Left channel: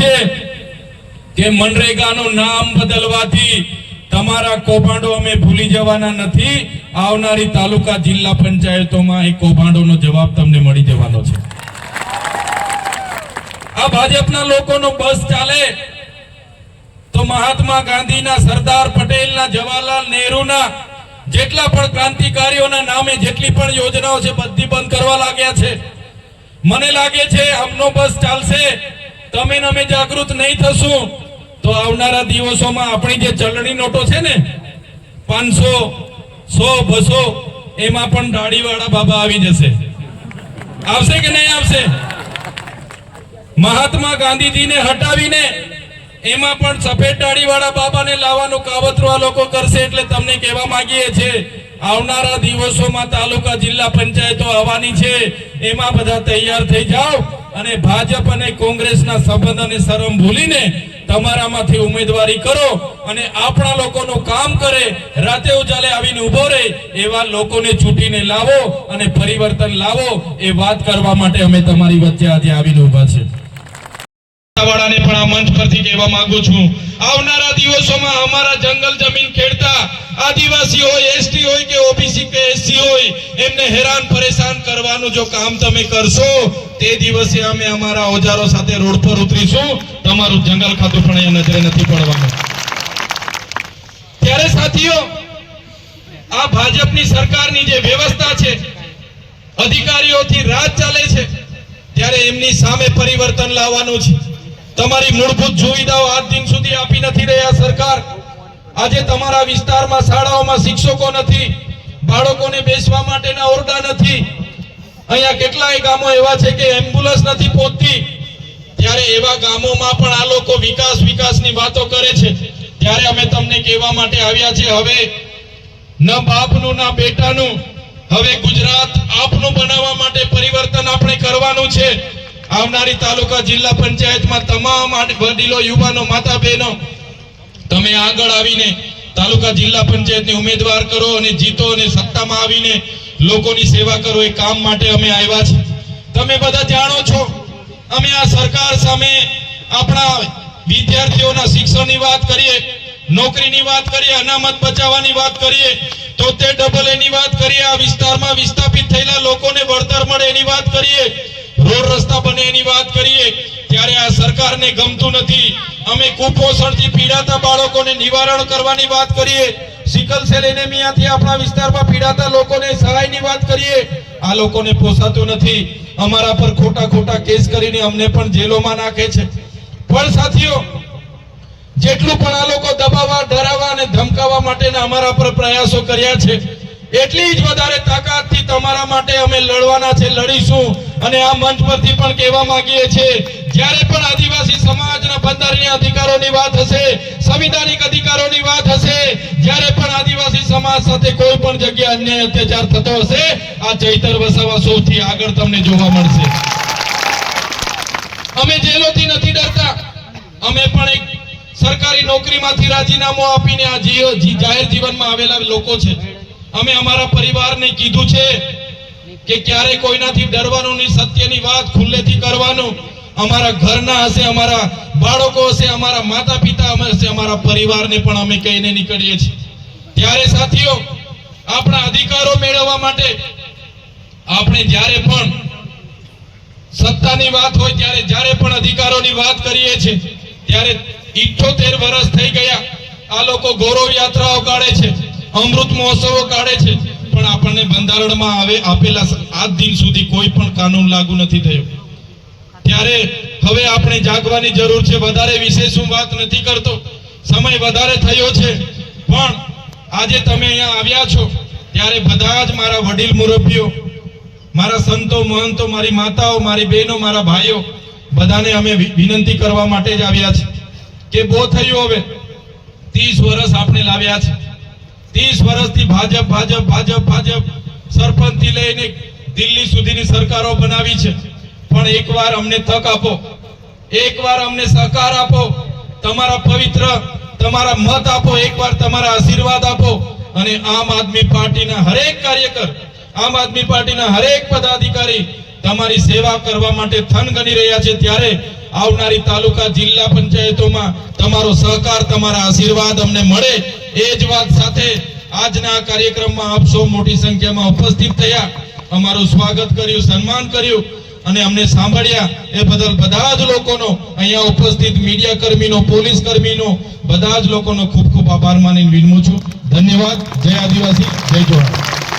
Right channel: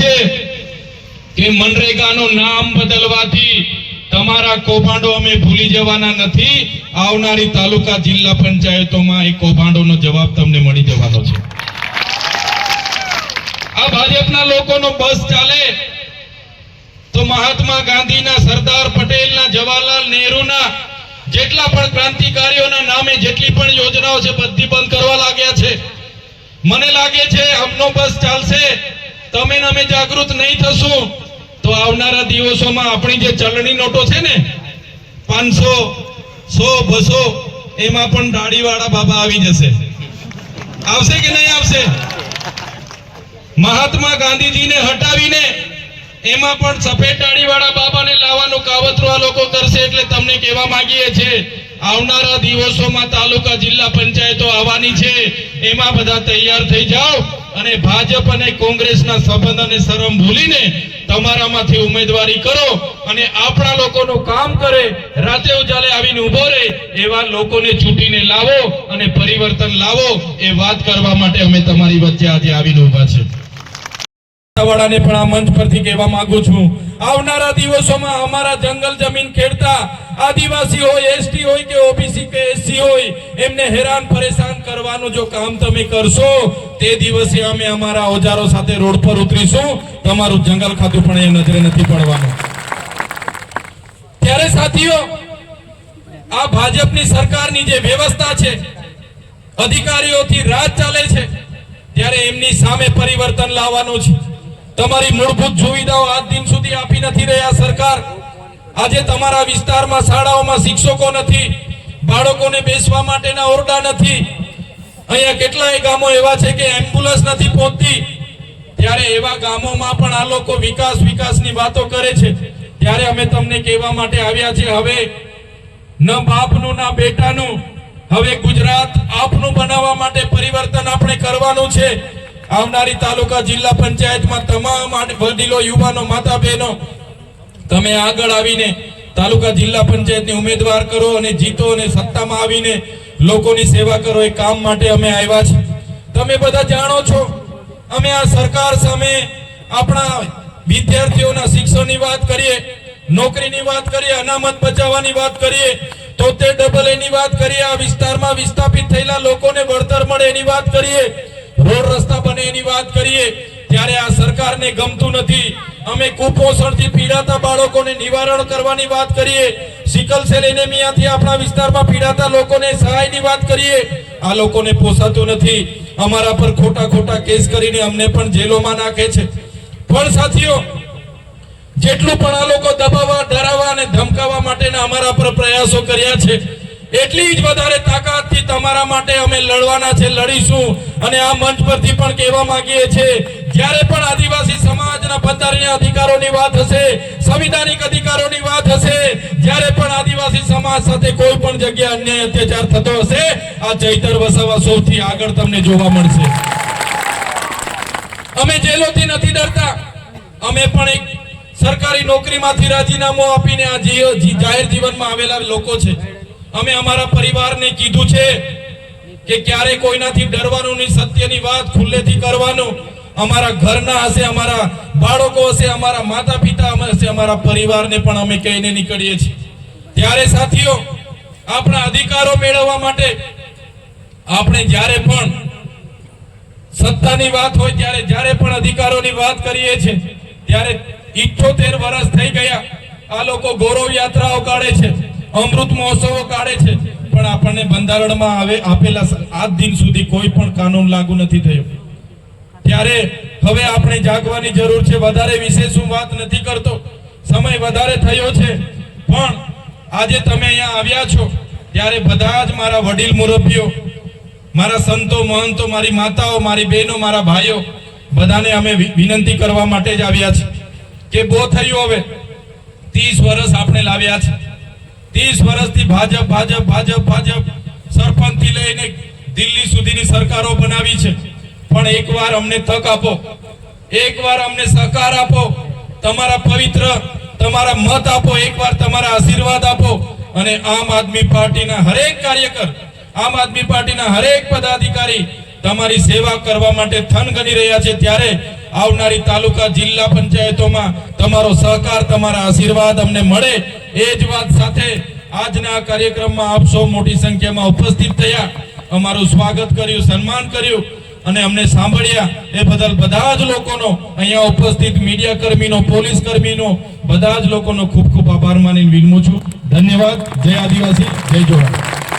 છે કે મનરેગાનું નામ બદલવાથી તમારા કૌભાંડો અમે ભૂલી જવાના નથી. આવનારી તાલુકા જિલ્લા પંચાયતોમાં એ કૌભાંડોનો જવાબ તમને મળી જવાનો છે. આ ભાજપના લોકોનો બસ ચાલે તો મહાત્મા ગાંધીના, સરદાર પટેલના, જવાહરલાલ નહેરુના જેટલા પણ ક્રાંતિકારીઓના નામે જેટલી પણ યોજનાઓ છે બધી બંધ કરવા લાગ્યા છે. મને લાગે છે આમનો બસ ચાલશે, તમે ને અમે જાગૃત નહીં થશું તો આવનારા દિવસોમાં આપણી જે ચલણી નોટો છે ને 500, 100, 200 એમાં પણ દાઢીવાળા બાબા આવી જશે. આવશે કે નહીં આવશે? મહાત્મા ગાંધીજીને હટાવીને એમાં પણ સફેદ દાઢીવાળા બાબાને લાવવાનું કાવતરું આ લોકો કરશે. એટલે તમને કહેવા માંગીએ છીએ આવનારા દિવસોમાં તાલુકા જિલ્લા પંચાયતો આવવાની છે, એમાં બધા તૈયાર થઈ જાઓ અને ભાજપ અને કોંગ્રેસના સંબંધ અને શરમ ભૂલીને તમારામાંથી ઉમેદવારી કરો અને આપણા લોકોનું કામ કરે, રાતે ઉજાલે આવીને ઉભો રહે એવા લોકોને ચૂંટીને લાવો અને પરિવર્તન લાવો. એ વાત કરવા માટે અમે તમારી વચ્ચે આજે આવીને ઉભા છે. વાળાને પણ આ મંચ પરથી કહેવા માંગુ છું, આવનારા દિવસોમાં અમારા જંગલ જમીન ખેડતા આદિવાસી હોય, એસટી હોય કે ઓબીસી કે એસસી હોય, એમને હેરાન પરેશાન કરવાનું જો કામ તમે કરશો તે દિવસે અમે અમારા ઓજારો સાથે રોડ પર ઉતરીશું. તમારું જંગલ ખાતું પણ એ નજરે નથી પડવાનું. ત્યારે સાથીઓ, આ ભાજપની સરકારની જે વ્યવસ્થા છે, અધિકારીઓથી રાજ ચાલે છે, ત્યારે એમની સામે પરિવર્તન લાવવાનું છે. તમારી મૂળભૂત સુવિધાઓ આજ દિન સુધી આપી નથી રહ્યા સરકાર. આજે તમારા વિસ્તારમાં શાળાઓમાં શિક્ષકો નથી, બાળકોને બેસવા માટેના ઓરડા નથી. અહીંયા કેટલાય ગામો એવા છે કે એમ્બ્યુલન્સ નથી પહોંચતી. ત્યારે એવા ગામોમાં પણ આ લોકો વિકાસની વાતો કરે છે. ત્યારે અમે તમને કહેવા માટે આવ્યા છે, હવે ન બાપનું ના બેટાનું, હવે ગુજરાત આપનું બનાવવા માટે પરિવર્તન આપણે કરવાનું છે. આવનારી તાલુકા જિલ્લા પંચાયતમાં તમામ વડીલો, યુવાનો, માતા બહેનો તમે આગળ આવીને તાલુકા જિલ્લા પંચાયતની ઉમેદવાર કરો અને જીતો અને સત્તામાં આવીને લોકોની સેવા કરો. એ કામ માટે અમે આવ્યા છે. તમે બધા જાણો છો, અમે આ સરકાર સામે આપણા વિદ્યાર્થીઓના શિક્ષણની વાત કરીએ, નોકરીની વાત કરીએ, અનામત બચાવવાની વાત કરીએ, 73AA ની વાત કરીએ, આ વિસ્તારમાં વિસ્થાપિત થયેલા લોકોને વળતર મળે એની વાત કરીએ, રોડ રસ્તા બને એની વાત કરીએ, ત્યારે આ સરકારને ગમતું નથી. અમે કુપોષણથી પીડાતા બાળકોને નિવારણ કરવાની વાત કરીએ, સિકલ સેલ એનેમિયાથી આપણા વિસ્તારમાં પીડાતા લોકોને સહાયની વાત કરીએ, આ લોકોને પોસાતું નથી. અમારા પર ખોટા કેસ કરીને અમને પણ જેલોમાં નાખે છે. પણ સાથીઓ, જેટલું પણ આ લોકો દબાવવા, ડરાવવા અને ધમકાવવા માટેના અમારા પર પ્રયાસો કર્યા છે, એટલી જ વધારે તાકાતથી તમારા માટે અમે લડવાના છે, લડીશું. અને આ મંચ પરથી પણ કહેવા માંગીએ છીએ, જ્યારે પણ આદિવાસી સમાજના બંધારણીય અધિકારોની વાત હશે, સંવિધાનિક અધિકારોની વાત હશે, જ્યારે પણ આદિવાસી સમાજ સાથે કોઈ પણ જગ્યાએ અન્યાય અત્યાચાર થતો હશે, આ ચૈતર વસાવા સૌથી આગળ તમને જોવા મળશે. અમે જેલોથી નથી ડરતા. અમે પણ એક સરકારી નોકરીમાંથી રાજીનામું આપીને આ જાહેર જીવનમાં આવેલા લોકો છે. અમે અમારા પરિવારને કીધું છે કે ક્યારે કોઈનાથી ડરવાનું નહીં, સત્યની વાત ખુલ્લેથી કરવાનું. અમારા ઘરના હશે, અમારા બાળકો હશે, અમારા માતા પિતા હશે, અમારા પરિવારને પણ અમે કહીને નીકળીએ છીએ. ત્યારે સાથીઓ, આપણા અધિકારો મેળવવા માટે આપણે જ્યારે પણ સત્તાની વાત હોય, ત્યારે જ્યારે પણ અધિકારોની વાત કરીએ છીએ, ત્યારે 78 વર્ષ થઈ ગયા. આ લોકો ગૌરવ યાત્રાઓ કાઢે છે, અમૃત મહોત્સવો કાઢે છે, પણ આપણને બંધારણમાં આપેલા આજ દિન સુધી કોઈ પણ કાનૂન લાગુ નથી થયો. ત્યારે હવે આપણે જાગવાની જરૂર છે. વધારે વિશેષ હું વાત નથી કરતો, સમય વધારે થયો છે. પણ આજે તમે અહીંયા આવ્યા છો ત્યારે બધા જ મારા વડીલ મુરબ્બીઓ, મારા સંતો, મહંતો, મારી માતાઓ, મારી બહેનો, મારા ભાઈઓ, બધાને અમે વિનંતી કરવા માટે જ આવ્યા છે કે બહુ થયું. હવે 30 વર્ષ આપણે લાવ્યા છે. 30 વર્ષથી ભાજપ સરપંચથી લઈને દિલ્હી સુધીની સરકારો બનાવી છે. પણ એકવાર અમને તક આપો, એકવાર અમને સહકાર આપો, તમારા પવિત્ર તમારા મત આપો, એકવાર તમારા આશીર્વાદ આપો અને આમ આદમી પાર્ટીના હરેક કાર્યકર, આમ આદમી પાર્ટીના હરેક પદાધિકારી તમારી સેવા કરવા માટે થન ગણી રહ્યા છે. ત્યારે આવનારી તાલુકા જિલ્લા પંચાયતોમાં તમારો સહકાર, તમારા આશીર્વાદ અમને મળે એ જ વાત સાથે આજના આ કાર્યક્રમમાં આપ સૌ મોટી સંખ્યામાં ઉપસ્થિત થયા, અમારું સ્વાગત કર્યું, સન્માન કર્યું અને અમને સાંભળ્યા એ બદલ બધા જ લોકોનો, અહીંયા ઉપસ્થિત મીડિયા કર્મીનો, પોલીસ કર્મીનો, બધા જ લોકોનો ખૂબ ખૂબ આભાર માનીને વિનમું છું. ધન્યવાદ. જય આદિવાસી, જય જોહાર.